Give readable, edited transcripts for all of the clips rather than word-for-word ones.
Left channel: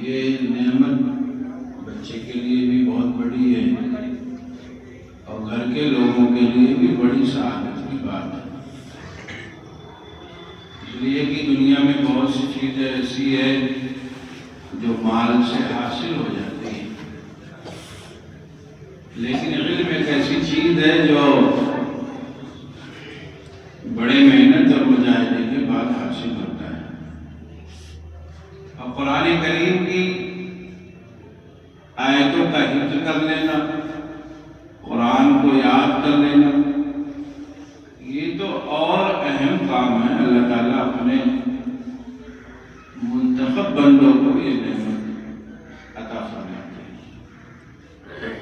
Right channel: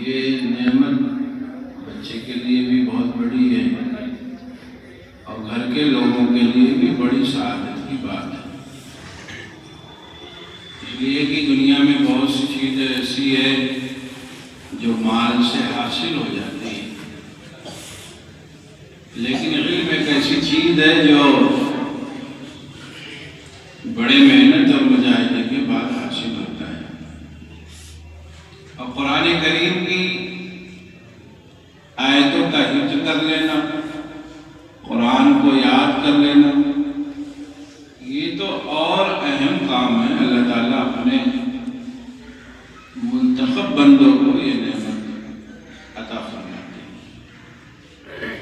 یہ نعمت بچے کے لیے بھی بہت بڑی ہے اور گھر کے لوگوں کے لیے بھی بڑی سعادت کی بات ہے، اس لیے کہ دنیا میں بہت سی چیزیں ایسی ہے جو مال سے حاصل ہو جاتی ہے، لیکن علم ایک ایسی چیز ہے جو بڑی محنت اور مجاہدے کے بعد حاصل ہوتا ہے۔ اور قرآن کریم کی آیتوں کا حفظ کر لینا، قرآن کو یاد کر لینا، یہ تو اور اہم کام ہے۔ اللہ تعالیٰ اپنے منتخب بندوں کو یہ نعمت عطا فرماتے ہیں،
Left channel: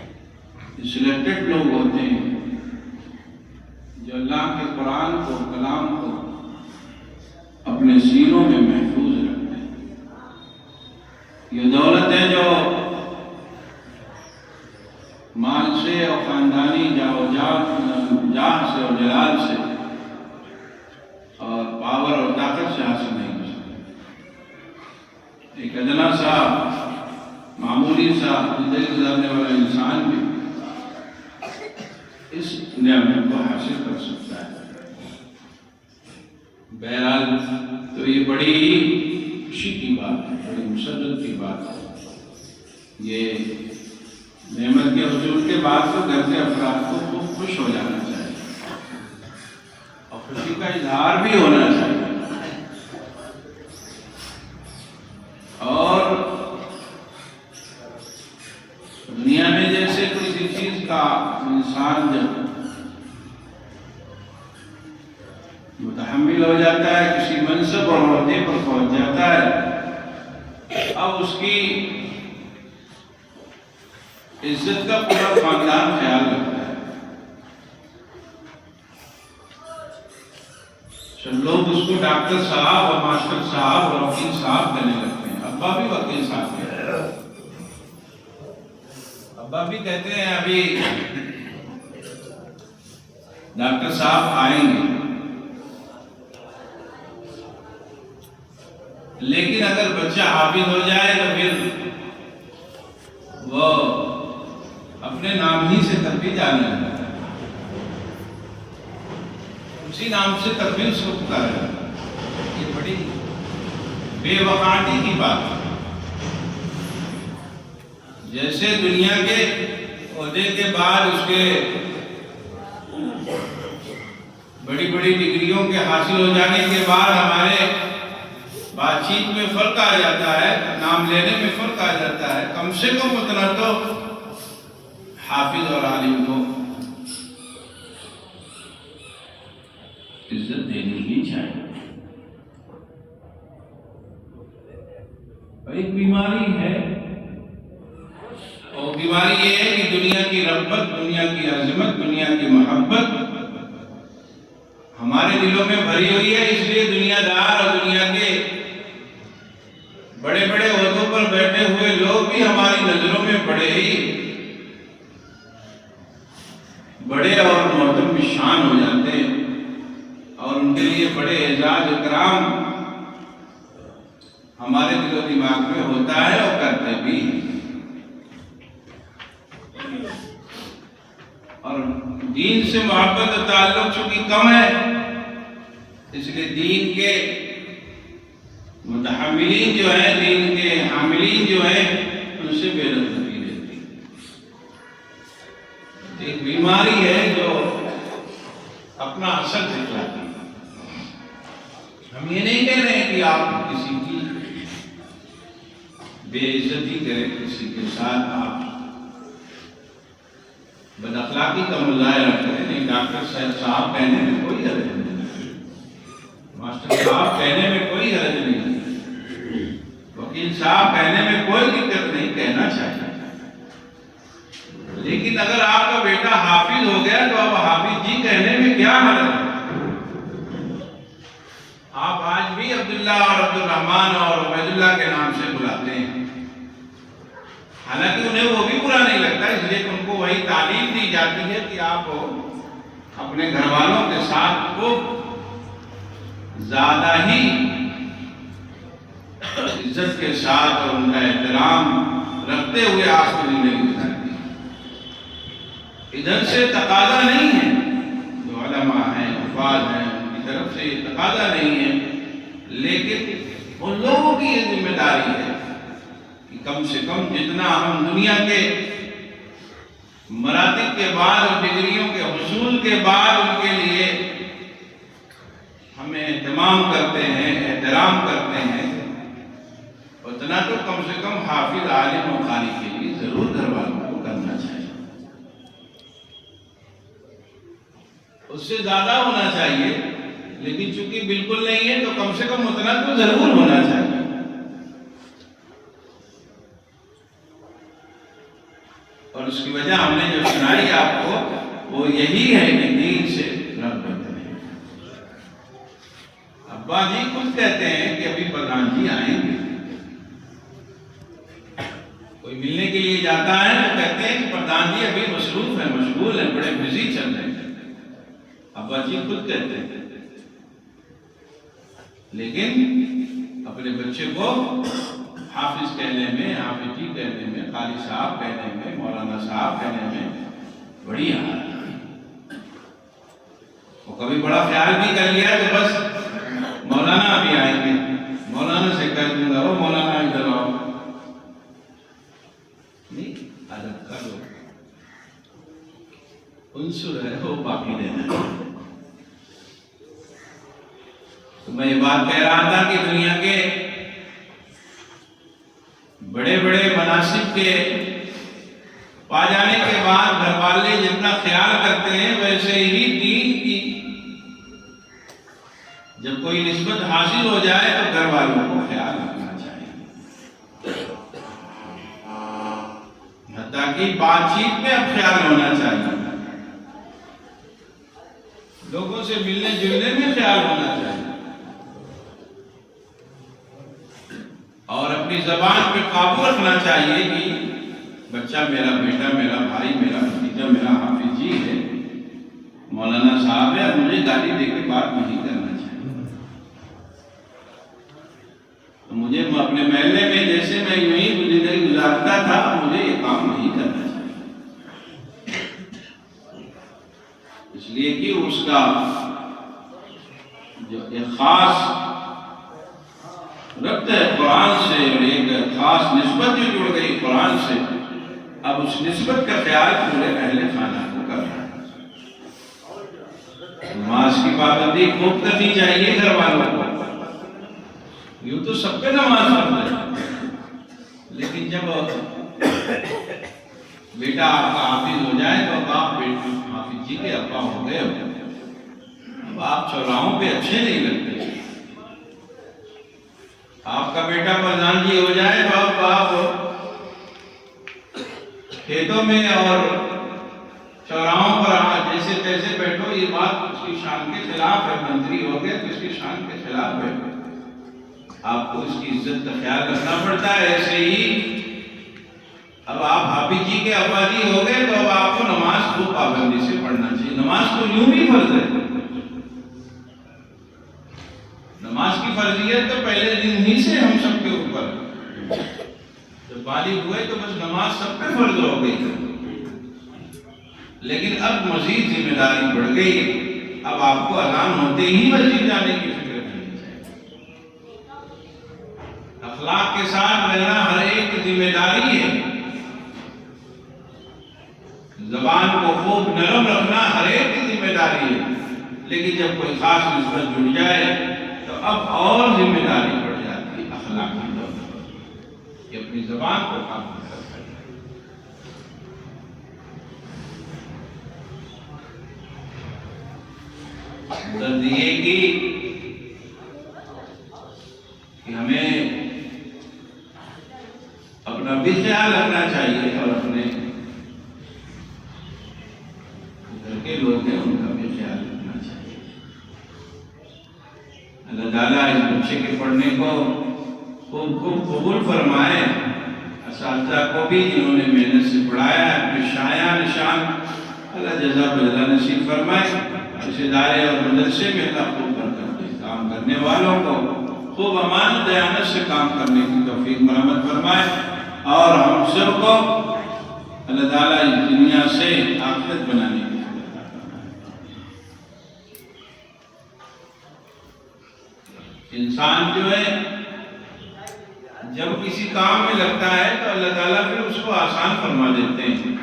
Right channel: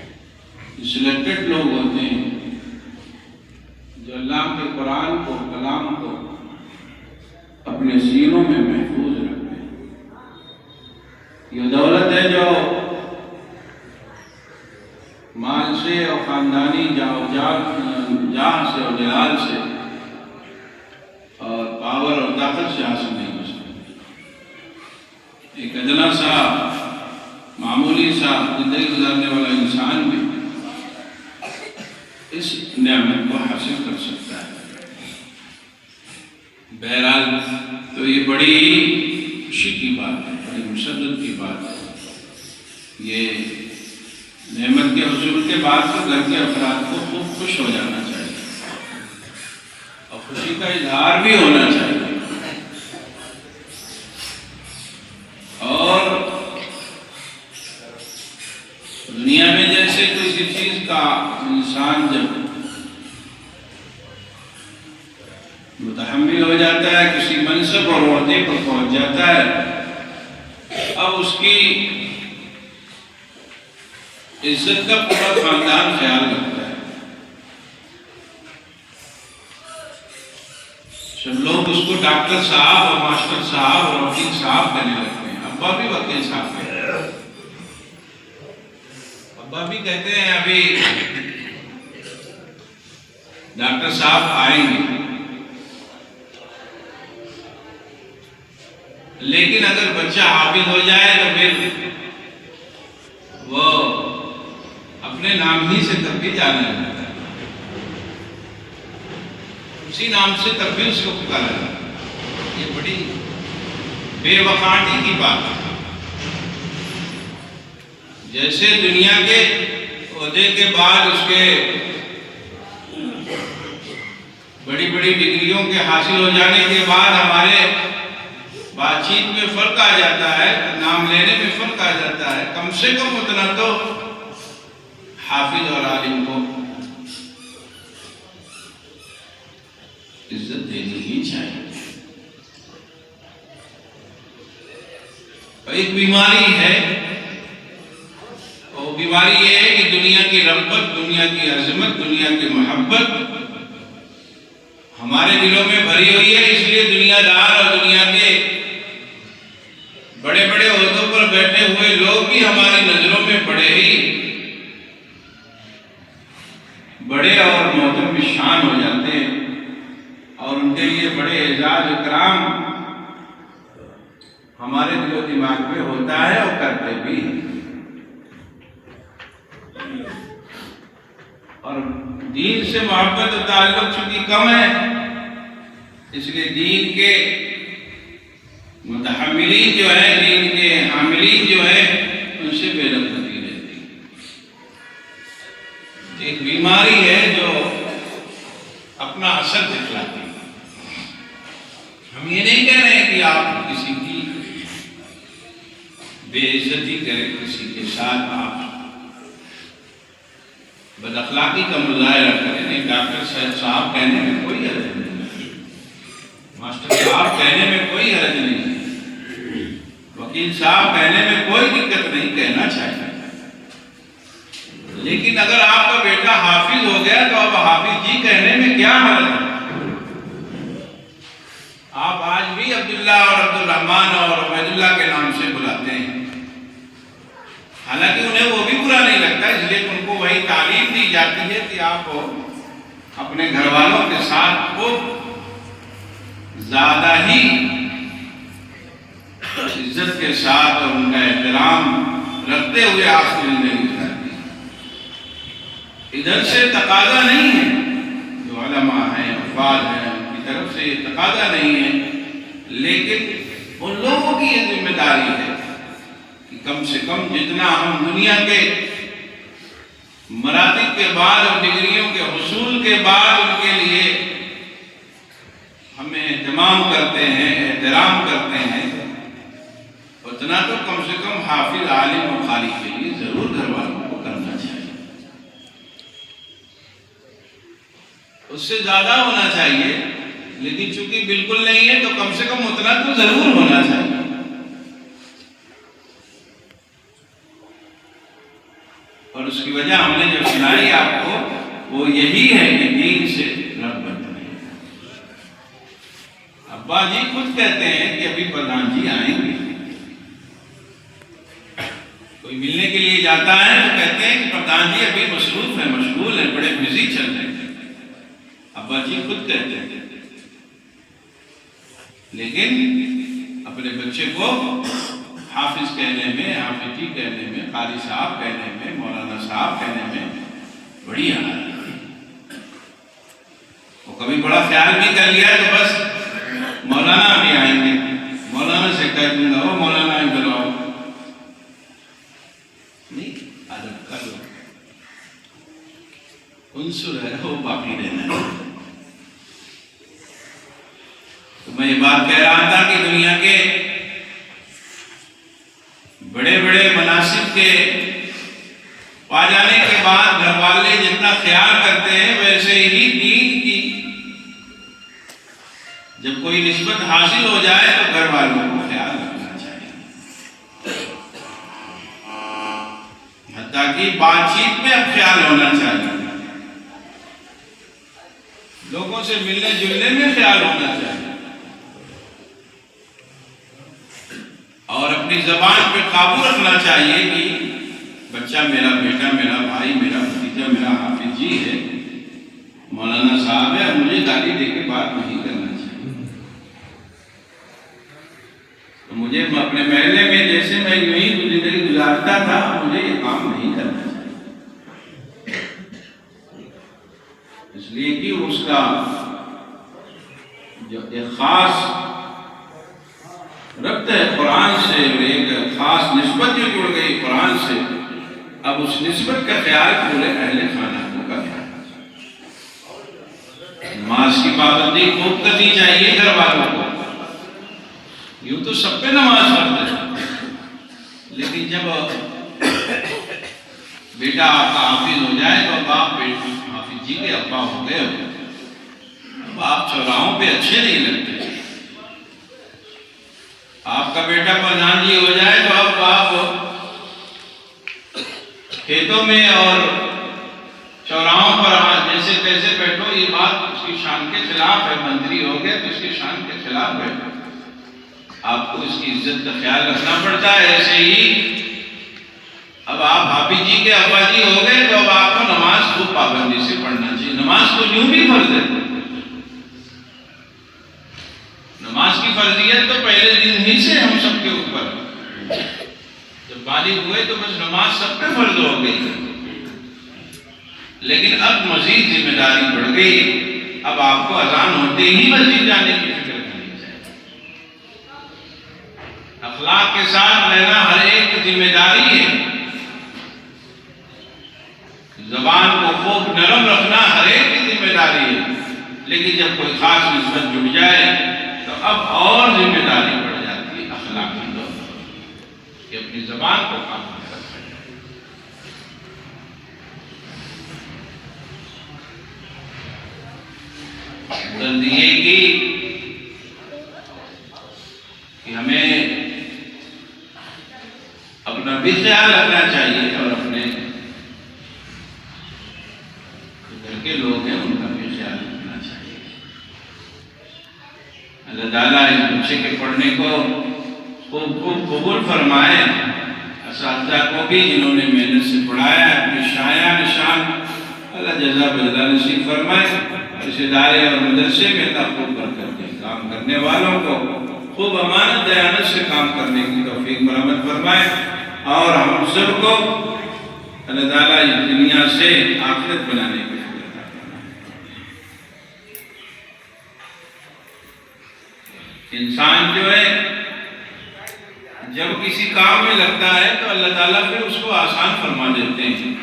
سلیکٹڈ لوگ ہوتے ہیں جو اللہ کے قرآن کو، کلام کو اپنے سینوں میں محفوظ رکھتے ہیں۔ یہ دولت ہے جو مال سے اور خاندانی جاہ سے اور جلال سے اور پاور اور طاقت سے حاصل نہیں ہو سکتی۔ ایک ادنا سا معمولی سا زندگی گزارنے والا انسان بھی اس نعمت کو حاصل کر سکتا ہے۔ بہرحال تو یہ بڑی خوشی کی بات ہے، بڑی مسرت کی بات ہے۔ یہ نعمت کے حصول کے بعد تو گھر کے افراد کو خوب خوش ہو جانا چاہیے اور خوشی کا اظہار بھی ہونا چاہیے، اور دنیا میں جیسے کسی چیز کا انسان جب متحمل ہو جاتا ہے، کسی منصب اور عہدے پر پہنچ جاتا ہے، اب اس کی عزت کا پورا خاندان خیال رکھتا ہے، سب لوگ اس کو ڈاکٹر صاحب اور ماسٹر صاحب اور وکیل صاحب کہنے لگتے ہیں۔ ابا بھی وکیل صاحب کہتے ہیں، ابا بھی کہتے ہیں ابھی ڈاکٹر صاحب آئیں گے۔ لیکن اگر بچہ حافظ ہو جائے تو پھر وہ اپنے نام ہی سے تب بھی جانے لگتا ہے، اسی نام سے تب بھی اس کو پکارا جاتا ہے۔ یہ بڑی بے وقاحتی کی بات ہے۔ جیسے دنیا کے عہدے کے بعد اس کے بڑی بڑی ڈگریوں کے حاصل ہو جانے کے بعد ہمارے بات چیت میں فرق آ جاتا ہے، نام لینے میں فرق آ جاتا ہے، کم سے کم اتنا تو حافظ اور عالم کو عزت دینی ہی چاہیے۔ ایک بیماری ہے، اور بیماری یہ ہے کہ دنیا کی رغبت، دنیا کی عظمت، دنیا کی محبت ہمارے دلوں میں بھری ہوئی ہے، اس لیے دنیا دار اور دنیا کے بڑے بڑے عہدوں پر بیٹھے ہوئے لوگ بھی ہماری نظروں میں بڑے اور محترم شان ہو جاتے ہیں، اور ان کے لیے بڑے اعزاز اکرام ہمارے دل و دماغ میں ہوتا ہے اور کرتے بھی ہیں۔ اور دین سے محبت و تعلق چونکہ کم ہے، اس لیے دین کے متحملین جو ہیں، دین کے عاملین جو ہیں، ان سے بے رغبتی رہتی ہے۔ ایک بیماری ہے جو اپنا اثر دکھلاتی ہے۔ ہم یہ نہیں کہہ رہے ہیں کہ آپ کسی کی بے عزتی کریں، کسی کے ساتھ آپ بد اخلاقی کا مظاہرہ کریں، نہیں۔ ڈاکٹر صاحب کہنے میں کوئی حرج نہیں، ماسٹر صاحب کہنے میں کوئی حرج نہیں، وکیل صاحب کہنے میں کوئی دقت نہیں، کہنا چاہیے۔ لیکن اگر آپ کا بیٹا حافظ ہو گیا تو اب حافظ جی کہنے میں کیا حرج ہے؟ آپ آج بھی عبداللہ اور عبد الرحمن اور عبید اللہ کے نام سے بلاتے ہیں، حالانکہ انہیں وہ بھی برا نہیں لگتا، اس لیے ان کو وہی تعلیم دی جاتی ہے کہ آپ اپنے گھر والوں کے ساتھ کو زیادہ ہی عزت کے ساتھ اور ان کا احترام رکھتے ہوئے آخری زندگی گزارتے ہیں۔ ادھر سے تقاضا نہیں ہے، جو علماء ہیں افراد ہیں ان کی طرف سے یہ تقاضا نہیں ہے، لیکن ان لوگوں کی یہ ذمہ داری ہے کہ کم سے کم جتنا ہم دنیا کے مراتب کے بعد اور ڈگریوں کے حصول کے بعد ان کے لیے ہمیں اہتمام کرتے ہیں، احترام کرتے ہیں، اتنا تو کم سے کم حافظ، عالم اور قاری کے لیے ضرور گھر والوں کو کرنا چاہیے۔ اس سے زیادہ ہونا چاہیے، لیکن چونکہ بالکل نہیں ہے تو کم سے کم اتنا تو ضرور ہونا چاہیے۔ اور اس کی وجہ ہم نے جو سنائی آپ کو وہ یہی ہے کہ دین سے رغبت نہیں۔ ابا جی خود کہتے ہیں کہ ابھی پردھان جی آئیں گے، کوئی ملنے کے لیے جاتا ہے تو کہتے ہیں کہ پردھان جی ابھی مصروف ہیں، مشغول ہیں، بڑے بزی چل رہے ہیں، ابا جی خود کہتے ہیں۔ لیکن اپنے بچے کو حافظ کہنے میں، حافظ جی کہنے میں، قاری صاحب کہنے میں، مولانا صاحب کہنے میں بڑی آنند ہے۔ وہ کبھی بڑا خیال بھی کر لیا تو بس مولانا بھی آئیں گے، مولانا سے کہہ دوں گا وہ مولانا ادھر آؤ، نہیں، ادب کا جو عنصر ہے وہ باقی رہنا ہے۔ تو میں یہ بات کہہ رہا تھا کہ دنیا کے بڑے بڑے مناصب کے پا جانے کے بعد گھر والے جتنا خیال کرتے ہیں ویسے ہی دین کی جب کوئی نسبت حاصل ہو جائے تو گھر والوں کو خیال رکھنا چاہیے، حتیٰ کہ بات چیت میں اب خیال ہونا چاہیے، لوگوں سے ملنے جلنے میں خیال ہونا چاہیے، اور اپنی زبان پہ قابو رکھنا چاہیے کہ بچہ میرا، بیٹا میرا، بھائی میرا، بھتیجا میرا حافظ جی ہے، مولانا صاحب ہے، مجھے گالی دے کے بات نہیں کرنا چاہیے۔ تو مجھے اپنے محلے میں جیسے میں یوں ہی زندگی گزارتا تھا، مجھے یہ کام نہیں کرنا چاہیے، اس لیے کہ اس کا جو ایک خاص ربط ہے قرآن سے اور ایک خاص نسبت جو جڑ گئی قرآن سے، اب اس نسبت کا خیال پورے اہل خانہ کو کرنا ہے۔ نماز کی پابندی خوب کرنی چاہیے گھر والوں کو، یوں تو سب پہ نماز پڑھتے ہیں، لیکن جب بیٹا آپ کا حافظ ہو جائے تو اب آپ حافظ جی کے ابا ہو گئے ہو، اب آپ چوراہوں پہ اچھے نہیں لگتے۔ آپ کا بیٹا پردھان جی ہو جائے تو اب آپ کھیتوں میں اور چوراہوں پر جیسے تیسے بیٹھو، یہ بات اس کی شان کے خلاف ہے۔ منتری ہو گئے تو اس کی شان کے خلاف ہے، آپ کو اس کی عزت کا خیال رکھنا پڑتا ہے۔ ایسے ہی اب آپ حافظ جی کے ابا جی ہو گئے تو اب آپ کو نماز خوب پابندی سے پڑھنا چاہیے۔ نماز تو یوں بھی فرض ہے، نماز کی فرضیت تو پہلے دن ہی سے ہم سب کے اوپر، جب بالغ ہوئے تو بس نماز سب پہ فرض ہو گئی، لیکن اب مزید ذمہ داری بڑھ گئی، اب آپ کو اذان ہوتے ہی مسجد جانے کی فکر کرنی چاہیے۔ اخلاق کے ساتھ رہنا ہر ایک کی ذمہ داری ہے، زبان کو خوب نرم رکھنا ہر ایک کی ذمہ داری ہے، لیکن جب کوئی خاص نسبت جڑ جائے تو اب اور ذمہ داری بڑھ جاتی ہے اخلاقی طور پر کہ اپنی زبان کو قابو میں رکھا جائے۔ غرض یہ کہ ہمیں اپنا بھی خیال رکھنا چاہیے اور اپنے گھر کے لوگ ہیں ان کا بھی خیال رکھنا چاہیے۔ اللہ تعالیٰ اس بچے کے پڑھنے کو خوب قبول فرمائے، اساتذہ کو بھی جنہوں نے محنت سے پڑھایا، اپنی شایع نشان اللہ جزا بدلہ نصیب فرمائے، اس ادارے اور مدرسے میں اللہ خوب برکت دے، کام کرنے والوں کو خوب امانت دیانت سے کام کرنے کی توفیق مرحمت فرمائے، اور ہم سب کو اللہ تعالیٰ اس دنیا سے آخرت بنانے کی فکر کرنا۔ انسان جو ہے جب کسی کام میں لگتا ہے تو اللہ تعالیٰ پھر اس کو آسان فرما دیتے ہیں،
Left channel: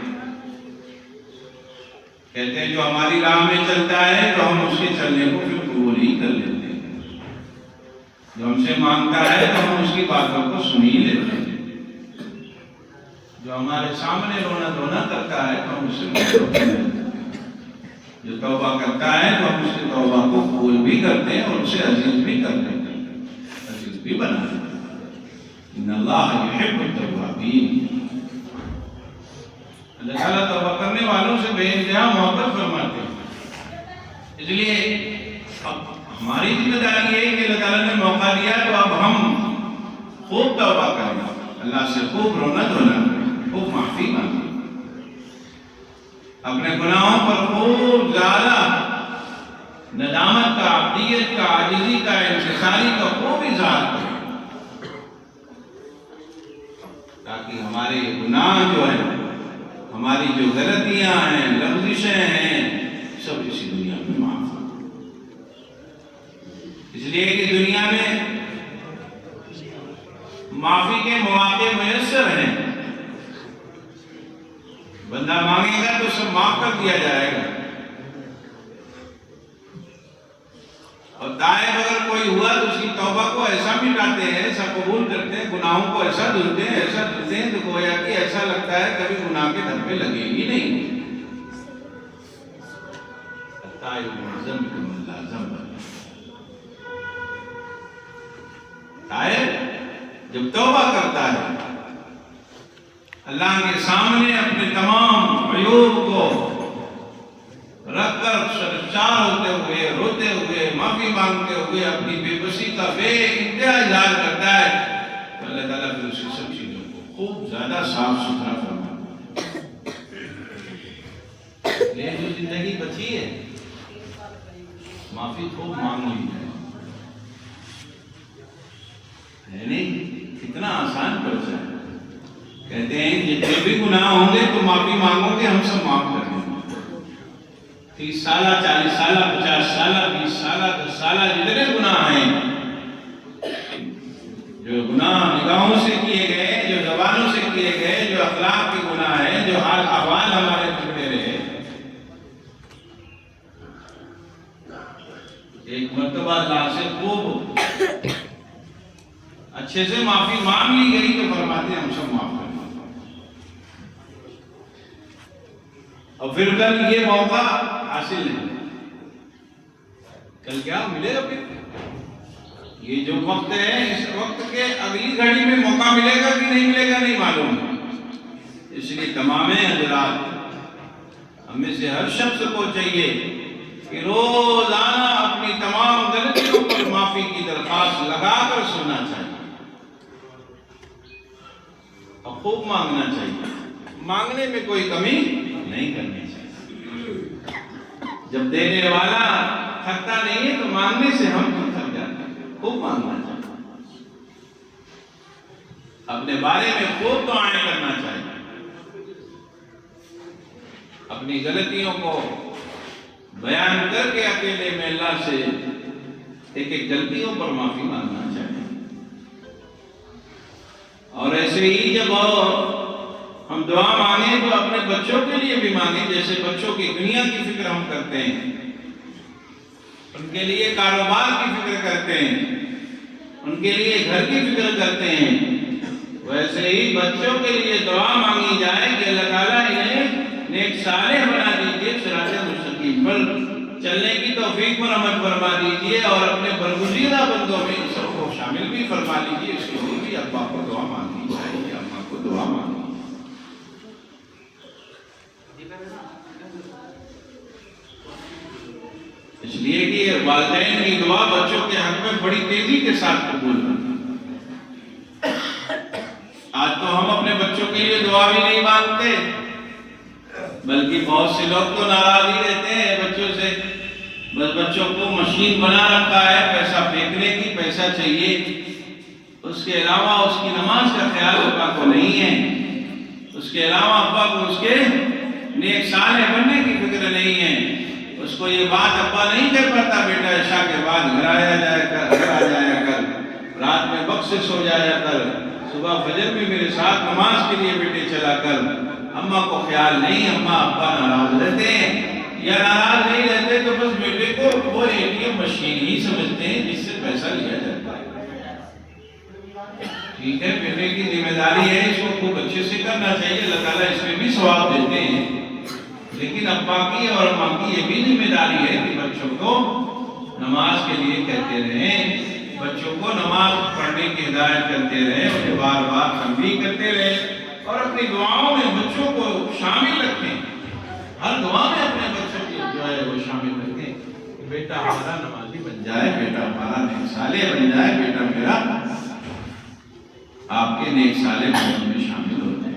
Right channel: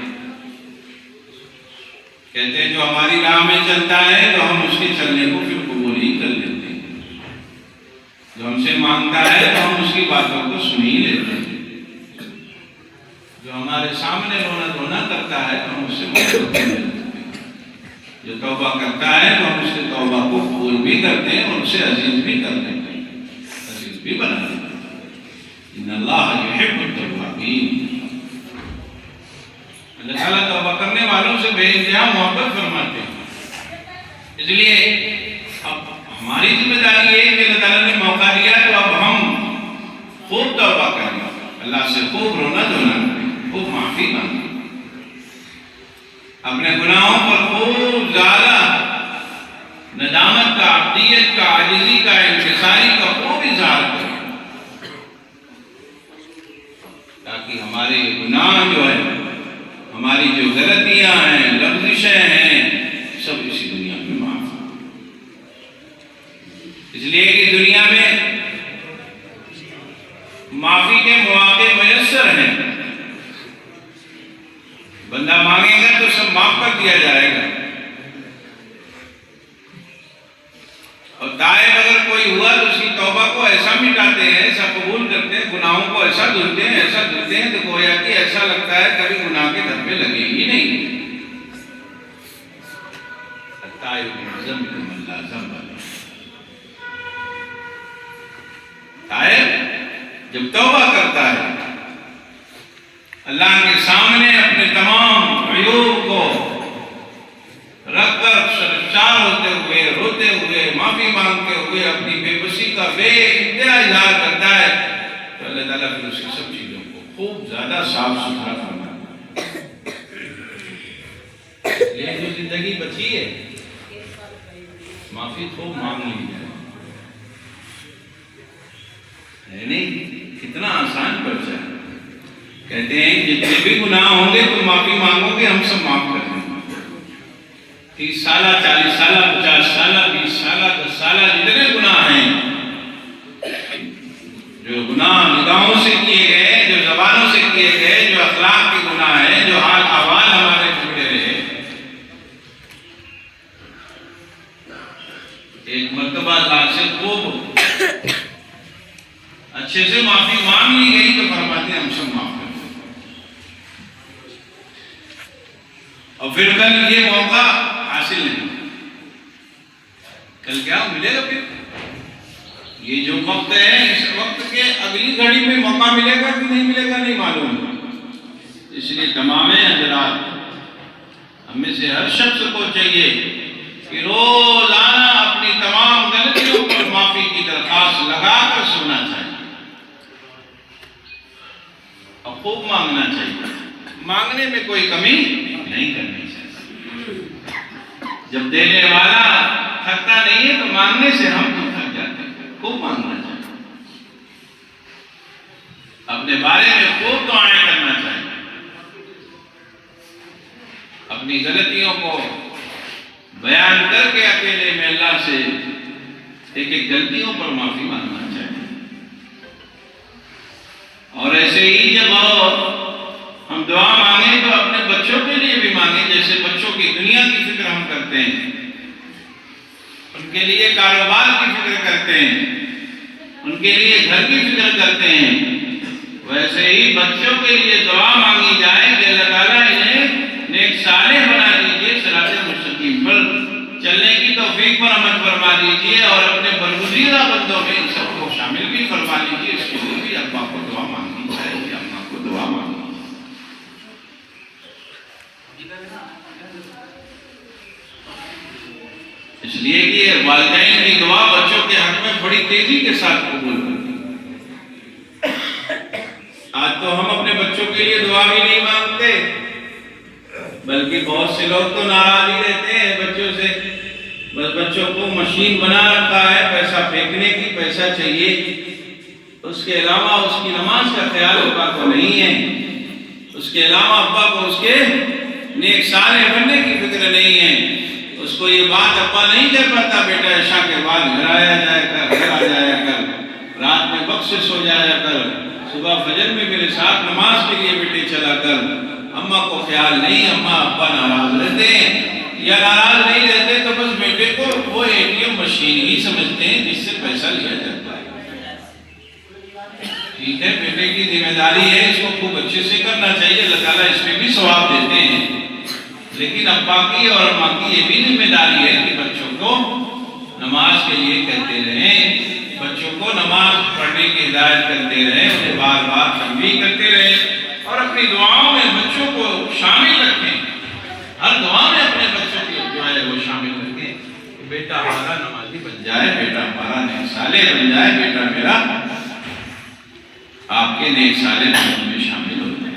کہتے ہیں جو ہماری راہ میں چلتا ہے تو ہم اس کے چلنے کو پھر قبول ہی کر لیتے ہیں، جو ہم سے مانگتا ہے تو ہم اس کی باتوں کو سن ہی لیتے ہیں، جو ہمارے سامنے رونا دھونا کرتا ہے تو ہم اس سے مدد کر لیتے ہیں، جو توبہ کرتا ہے تو ہم اس کے توبہ کو قبول بھی کرتے ہیں اور اسے عزیز بھی کر لیتے ہیں، عزیز بھی بنا دیتے ہیں۔ ان اللہ یحب التوابین، اللہ تعالیٰ توبہ کرنے والوں سے بے انتہا محبت فرماتے ہیں۔ اس لیے اب ہماری ذمہ داری یہ ہے کہ اللہ تعالیٰ نے موقع دیا تو اب ہم خوب توبہ کریں، اللہ سے خوب رونا دھونا کریں، خوب معافی مانگیں، اپنے گناہوں پر خوب زیادہ ندامت کا، عبدیت کا، عاجزی کا، انکساری کا خوب اظہار کریں، تاکہ ہمارے گناہ جو ہے، ہماری جو غلطیاں ہیں، لغزشیں ہیں، سب اسی دنیا میں معاف ہوں۔ اس لیے کہ دنیا میں معافی کے مواقع میسر ہیں، بندہ مانگے گا تو سب معاف کر دیا جائے گا، اور تائب اگر کوئی ہوا تو اس کی توبہ کو ایسا مٹاتے ہیں، ایسا قبول کرتے ہیں، گناہوں کو ایسا دھلتے ہیں، ایسا دھلتے ہیں کہ گویا کہ ایسا لگتا ہے کبھی گناہ کے دھبے لگے ہی نہیں۔ تائب جب توبہ کرتا ہے اللہ کے سامنے اپنے تمام عیوب کو رکھ کر شرمسار ہوتے ہوئے، روتے ہوئے، معافی مانگتے ہوئے اپنی بے بسی کا بے انتہا اظہار کرتا ہے تو اللہ تعالیٰ پھر اس کی سب چیزوں کو خوب زیادہ صاف ستھرا فرماتا ہے۔ یہ جو زندگی بچی ہے معافی خوب مانگ لی ہے، نہیں کتنا آسان پڑتا ہے۔ کہتے ہیں جتنے بھی گناہ ہوں گے تو معافی مانگو گے ہم سب معاف کر دیں گے۔ 30 سالہ، 40 سالہ، 50 سالہ، 20 سالہ، 10 سالہ جتنے گناہ ہیں، جو گناہ نگاہوں سے کیے گئے، جو زبانوں سے کیے گئے، جو اخلاق کے گناہ ہیں، جو حال احوال ہمارے بگڑے رہے، ایک مرتبہ اللہ سے خوب اچھے سے معافی مانگ لی گئی تو فرماتے ہیں ہم سب معاف کر دیں۔ اور پھر کل یہ موقع حاصل نہیں، کل کیا ملے گا؟ پھر یہ جو وقت ہے اس وقت کے اگلی گھڑی میں موقع ملے گا کہ نہیں ملے گا نہیں معلوم۔ اس لیے تمام حضرات ہم میں سے ہر شخص کو چاہیے کہ روزانہ اپنی تمام غلطیوں پر معافی کی درخواست لگا کر سننا چاہیے اور خوب مانگنا چاہیے، مانگنے میں کوئی کمی نہیں کرنی چاہیے۔ جب دینے والا تھکتا نہیں ہے تو مانگنے سے ہم تو تھک جاتے ہیں۔ خوب مانگنا چاہیے، اپنے بارے میں خوب دعائیں کرنا چاہیے، اپنی غلطیوں کو بیان کر کے اکیلے میں اللہ سے ایک ایک غلطیوں پر معافی مانگنا چاہیے۔ اور ایسے ہی جب ہم دعا مانگیں تو اپنے بچوں کے لیے بھی مانگیں، جیسے بچوں کی دنیا کی فکر ہم کرتے ہیں، ان کے لیے کاروبار کی فکر کرتے ہیں، ان کے لیے گھر کی فکر کرتے ہیں، ویسے ہی بچوں کے لیے دعا مانگی جائے کہ اللہ تعالیٰ انہیں نیک صالح بنا دیجیے، صراط مستقیم پر چلنے کی توفیق پر عمل فرما دیجیے، اور اپنے برگزیدہ بندوں میں ان سب کو شامل بھی فرما لیجیے۔ اس کے لیے بھی ابا کو دعا مانگنی چاہیے، اماں کو دعا مانگنی۔ اس لیے کہ والدین کی دعا بچوں کے حق میں بڑی تیزی کے ساتھ قبول کرتی ہے۔ آج تو ہم اپنے بچوں کے لیے دعا بھی نہیں مانگتے، بلکہ بہت سے لوگ تو ناراض ہی رہتے ہیں بچوں سے، بس بچوں کو مشین بنا رکھا ہے پیسہ پھینکنے کی، پیسہ چاہیے، اس کے علاوہ اس کی نماز کا خیال ابا کو نہیں ہے، اس کے علاوہ ابا کو اس کے نیک صالح بننے کی فکر نہیں ہے، اس کو یہ بات ابا نہیں کہہ پاتا بیٹا عشاء کے بعد گھر آ جایا کر، رات میں وقت سے سو جایا کر، صبح فجر میں میرے ساتھ نماز کے لیے بیٹے چلا کر۔ اماں کو خیال نہیں، اماں ابا ناراض رہتے ہیں، یا ناراض نہیں رہتے تو بس بیٹے کو وہ ATM مشین ہی سمجھتے ہیں جس سے پیسہ لیا جاتا ہے۔ ٹھیک ہے، بیٹے کی ذمہ داری ہے، اس کو خوب اچھے سے کرنا چاہیے، اللہ تعالیٰ اس میں بھی ثواب دیتے ہیں، لیکن ابا کی اور اماں کی یہ بھی ذمہ داری ہے کہ بچوں کو نماز کے لیے کہتے رہیں، بچوں کو نماز پڑھنے کی ہدایت کرتے رہیں، انہیں بار بار تنبیہ کرتے رہیں، اور اپنی دعاؤں میں بچوں کو شامل رکھیں، ہر دعا میں اپنے بچوں کی جو ہے وہ شامل رکھیں کہ بیٹا ہمارا نمازی بن جائے، بیٹا ہمارا نیک صالح بن جائے، بیٹا میرا آپ کے نیک صالح بننے میں شامل ہو جائے۔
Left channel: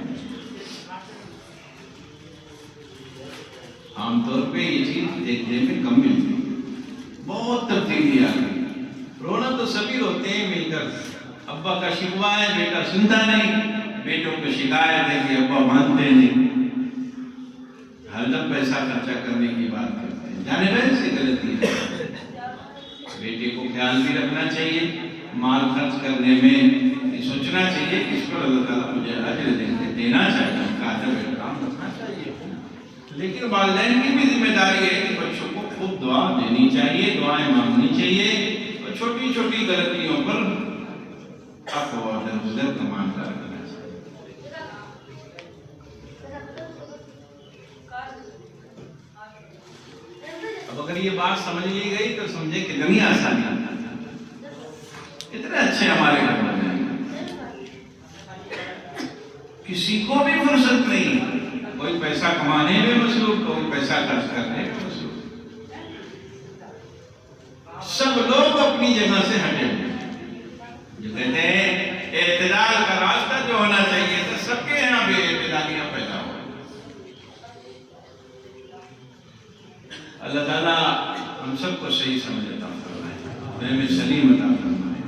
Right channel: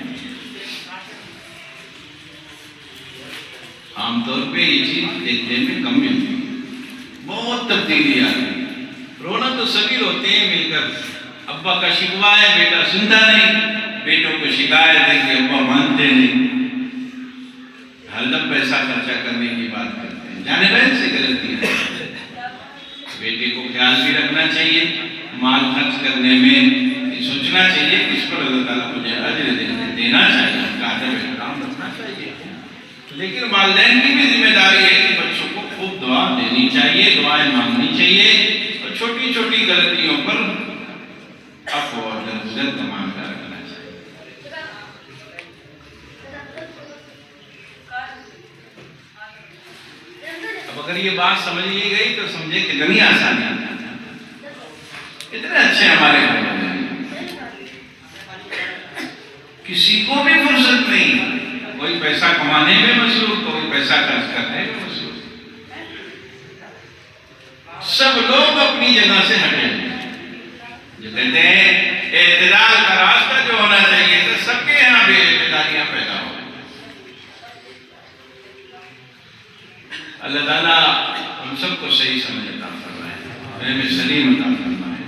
عام طور پہ یہ چیز دیکھنے میں کم ملتی ہے، بہت تبدیلی آ گئی۔ رونا تو سبھی روتے ہیں مل کر، ابا کا شکوہ ہے بیٹا سنتا نہیں، بیٹوں کو شکایت ہے کہ ابا مانتے نہیں، ہر دم پیسہ خرچہ کرنے کی بات کرتے ہیں، جانے بہن سے غلطی ہے۔ بیٹے کو خیال بھی رکھنا چاہیے، مال خرچ کرنے میں یہ سوچنا چاہیے کہ اس پر اللہ تعالیٰ مجھے اجر دینا چاہیے، ادب احترام رکھنا چاہیے، لیکن والدین کی بھی ذمہ داری ہے کہ بچوں کو خوب دعا دینی چاہیے، دعائیں مانگنی چاہیے، اور چھوٹی چھوٹی غلطیوں پر عفو اور درگزر کا معاملہ رکھنا چاہیے۔ اب اگر یہ بات سمجھ لی گئی تو سمجھے کہ کتنی آسانی اتنے اچھے ہمارے گھر میں کسی کو بھی فرصت نہیں، کوئی پیسہ کمانے میں مصروف، کوئی پیسہ خرچ کرنے میں مصروف، سب لوگ اپنی جگہ سے ہٹے ہوئے، جو کہتے ہیں اعتدال کا راستہ جو ہونا چاہیے تو سب کے یہاں بے اعتدالیاں پیدا ہو۔ اللہ تعالیٰ ہم سب کو صحیح سمجھ عطا فرمائے، فہم سلیم عطا فرمائے،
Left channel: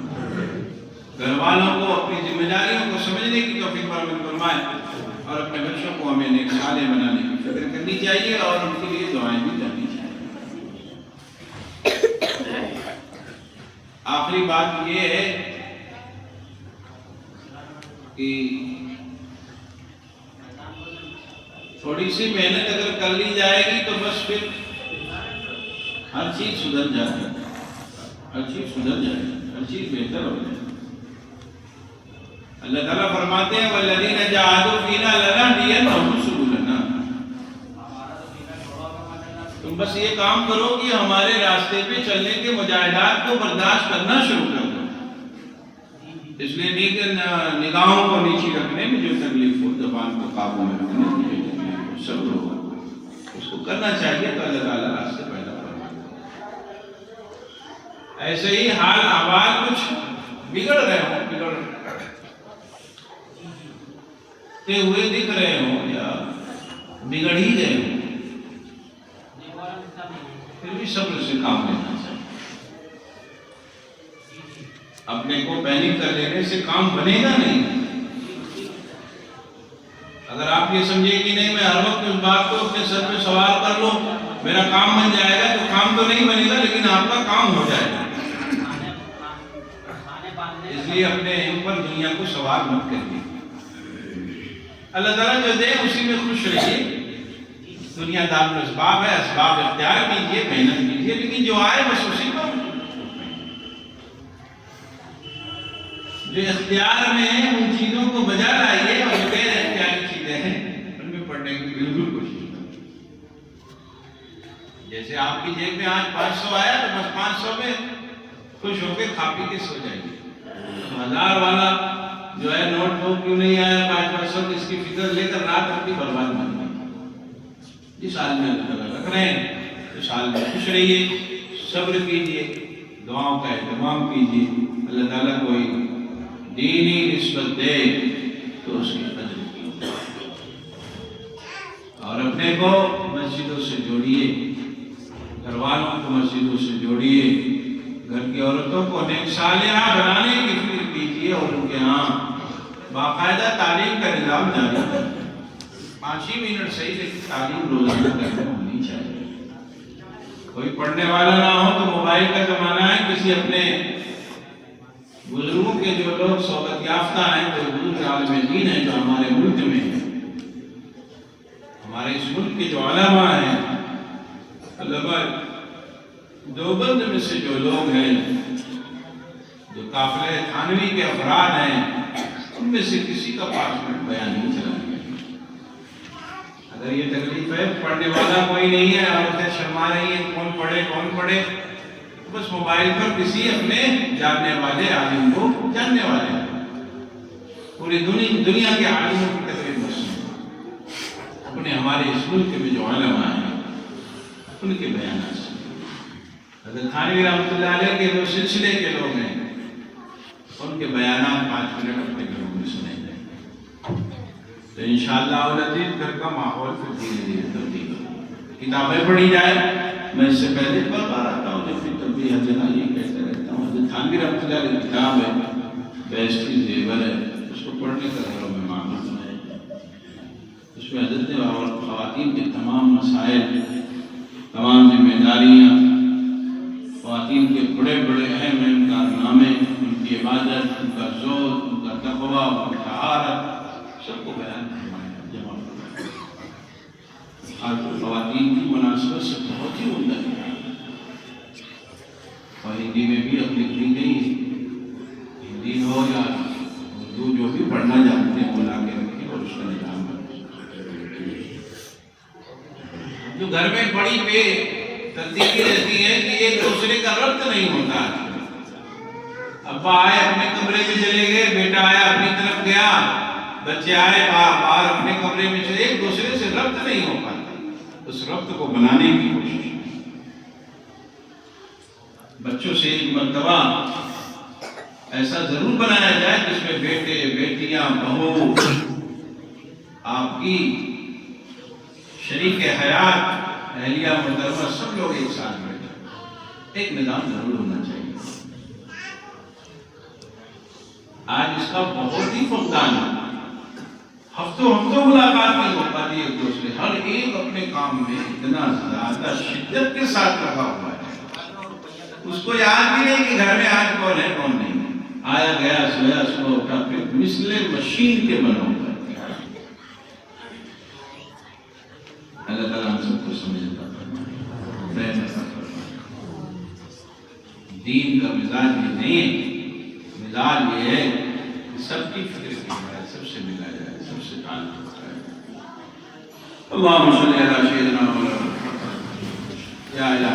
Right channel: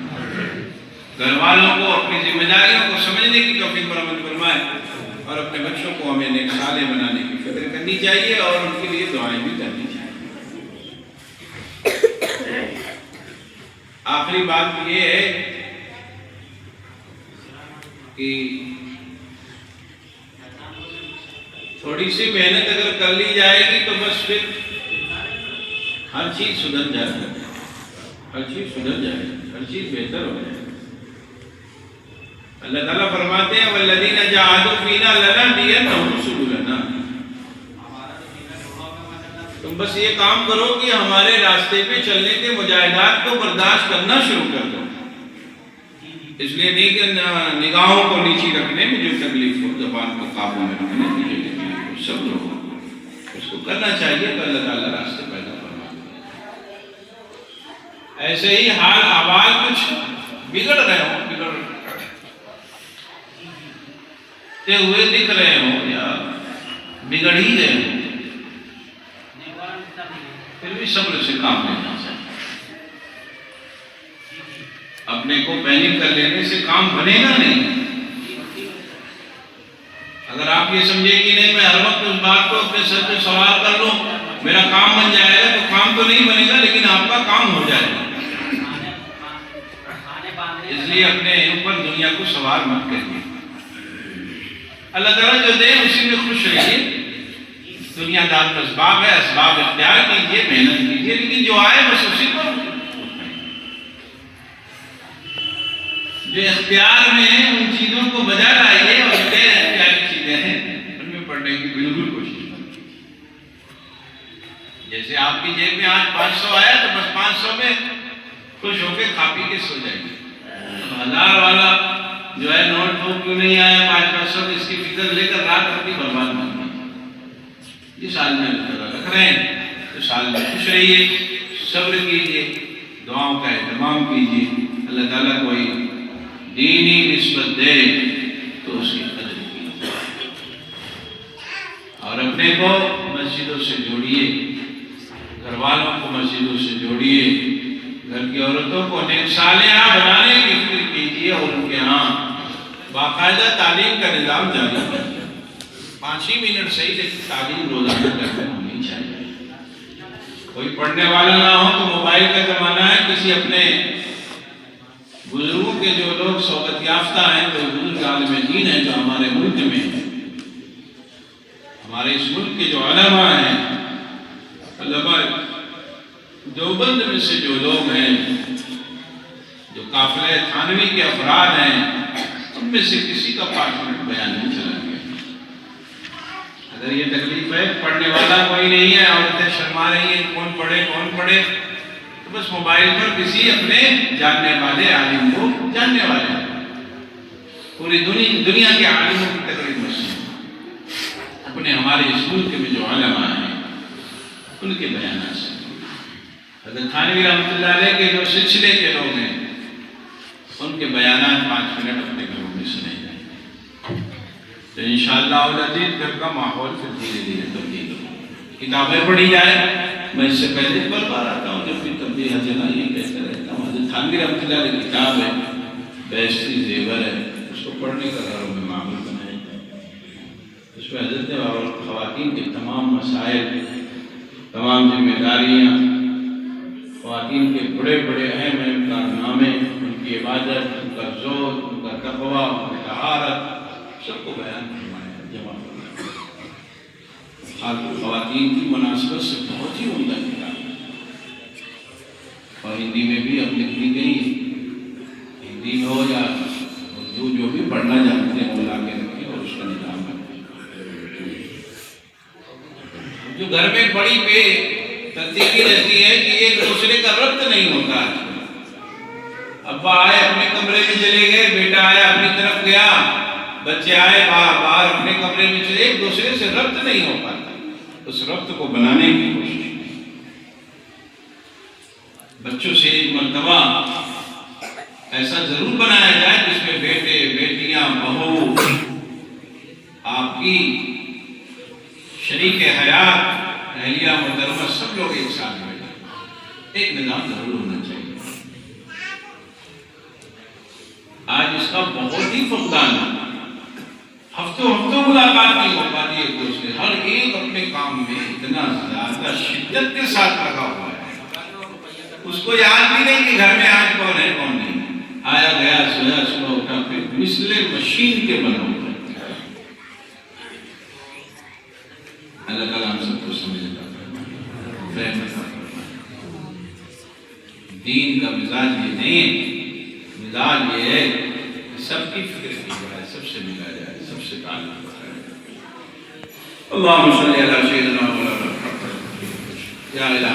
گھر والوں کو اپنی ذمہ داریوں کو سمجھنے کی توفیق فراہم فرمائے، اور اپنے بچوں کو ہمیں نیک صالح بنانے کی فکر کرنی چاہیے اور ان کے لیے دعائیں بھی کرنی چاہیے۔ آخری بات یہ ہے کہ تھوڑی سی محنت اگر کر لی جائے گی تو بس پھر ہر چیز سدھر جائے گی، ہر چیز سدھر جائے گی، ہر چیز بہتر ہو جائے گی۔ اللہ تعالیٰ فرماتے ہیں وَالَّذِينَ جَاهَدُوا فِينَا لَنَهْدِيَنَّهُمْ سُبُلَنَا، تم بس یہ کام کرو کہ ہمارے راستے پہ چلنے کے مجاہدات کو برداشت کرنا شروع کر دو۔ اس لیے نگاہوں کو نیچی رکھنے میں جو تکلیف ہو، زبان کو قابو میں رکھنے کی جو تکلیف ہو، صبر ہو، اس کو کرنا چاہیے تو اللہ تعالیٰ راستے پیدا فرما دے۔ ایسے ہی حال احوال کچھ بگڑ رہے ہوں، ہوئے دکھ رہے ہوں یا بگڑ ہی گئے ہوں، پھر بھی صبر سے کام لینا چاہیے۔ اپنے کو پینک کر لینے سے کام بنے گا نہیں۔ اگر آپ یہ سمجھے کہ نہیں میں ہر وقت اس بات کو اپنے سر پہ سوار کر لوں میرا کام بن جائے گا، تو کام تو نہیں بنے گا لیکن آپ کا کام ہو جائے گا۔ اس لیے اپنے اوپر دنیا کو سوار مت کریے، اللہ تعالیٰ جو دے اسی میں خوش رہیے۔ دنیا دار میں اسباب ہے، اسباب اختیار کیجیے، محنت کیجیے، لیکن جو آئے بس اسی پر جو اختیار میں ہیں ان چیزوں کو بجا لائیے، اور غیر اختیاری چیزیں ہیں ان میں پڑھنے کی بالکل کوشش کریں۔ جیسے آپ کی جیب میں آج 500 آیا تو بس 500 میں خوش ہو کے کھا پی کے سو جائیے۔ 1000 والا جو ہے نوٹ ہو کیوں نہیں آیا 500 اس کی فکر لے کر رات اپنی برباد نہیں۔ اس سال میں اللہ تعالیٰ رکھ رہے ہیں تو سال میں خوش رہیے، صبر کیجیے، دعاؤں کا اہتمام کیجیے، اللہ تعالیٰ کوئی دینی نسبت دے تو اس کی قدر کیجیے، اور اپنے کو مسجدوں سے جوڑیے، گھر والوں کو مسجدوں سے جوڑیے، گھر کی عورتوں کو نیک صالحہ بنانے کی فکر کیجیے اور ان کے ہاں باقاعدہ تعلیم کا نظام جاری کیجیے۔ 5 ہی منٹ صحیح سے تعلیم روزانہ کرتے ہونی چاہیے۔ کوئی پڑھنے والا نہ ہو تو موبائل کا زمانہ ہے، کسی اپنے بزرگوں کے جو لوگ صحبت یافتہ ہیں، کوئی بزرگ عالم دین ہیں جو ہمارے ملک میں ہیں، ہمارے اس ملک کے جو علماء ہیں، علماء دیوبند میں سے جو لوگ ہیں، جو قافلہ تھانوی کے افراد ہیں، ان میں سے کسی کا 5 منٹ بیان نہیں چلا گیا۔ اگر یہ تکلیف ہے، پڑھنے والا کوئی نہیں ہے، عورتیں شرما رہی ہیں کون پڑھے تو بس موبائل پر کسی اپنے جاننے والے عالم کو جاننے والے پوری دنیا کے عالموں کی تکلیف مسئلہ اپنے ہمارے اس ملک میں جو علماء ہیں ان کے بیانات سے حضرت تھانوی رحمۃ اللہ علیہ کے جو سلسلے کے لوگ ہیں ان کے بیانات 5 منٹ اپنے گھروں میں سنے جائیں تو انشاءاللہ العزیز گھر کا ماحول پھر دھیرے دھیرے تبدیل ہو۔ کتابیں پڑھی جائے، میں اس سے پہلے بار آتا ہوں جب بھی تبدیل حجنا یہ کہتا رہتا ہوں، حضرت تھانوی رحمۃ اللہ علیہ کتاب ہے بیشتی زیور ہے، اس کو پڑھنے کا گھروں میں معمول بنایا جائے۔ اس میں حضرت اور خواتین کے تمام مسائل، تمام ذمہ داریاں، خواتین کے بڑے بڑے اہم کارنامے، ان کی عبادت، ان کا زہد، ان کا تقویٰ، ان کی طہارت، سب کو بیان فرمایا، جمع فرمایا۔ خواتین کی مناسبت سے بہت ہی عمدہ کتاب ہے اور ہندی میں بھی اب لکھی گئی، ہندی میں ہو یا اردو، جو بھی پڑھنا جانتے ہیں وہ لا کے رکھیں اور اس کا نظام کریں۔ جو گھر میں بڑی بے ترتیبی رہتی ہے کہ ایک دوسرے کا ربط نہیں ہوتا ہے، ابا آئے اپنے کمرے میں چلے گئے، بیٹا آیا اپنی طرف گیا، بچے آئے باہر اپنے کمرے میں چلے، ایک دوسرے سے ربط نہیں ہو پاتا۔ اس ربط کو بنانے کی کوشش بچوں سے ایک مرتبہ ایسا ضرور بنایا جائے جس میں بیٹے، بیٹیاں، بہو، آپ کی شریک حیات، اہلیہ محترمہ، سب لوگ ایک ساتھ بیٹھے، ایک نظام ضرور ہونا چاہیے۔ آج اس کا بہت ہی فقدان ہے، ہفتوں ملاقات نہیں ہو پاتی ایک دوسرے، ہر ایک اپنے کام میں اتنا زیادہ شدت کے ساتھ لگا ہوا ہے، اس کو یاد بھی نہیں کہ گھر میں آج کون ہے کون نہیں، آیا گیا، سویا، صبح اٹھا، پھر مثل مشین کے بنو گئے۔ اللہ تعالیٰ ہم سب کو سمجھتا ہے، دین کا مزاج یہ نہیں ہے، مزاج یہ ہے کہ سب کی فکر کی جائے، سب سے ملا جائے، سب سے تعلق ہے۔ اللہم صلی علی سیدنا مولانا یا الہ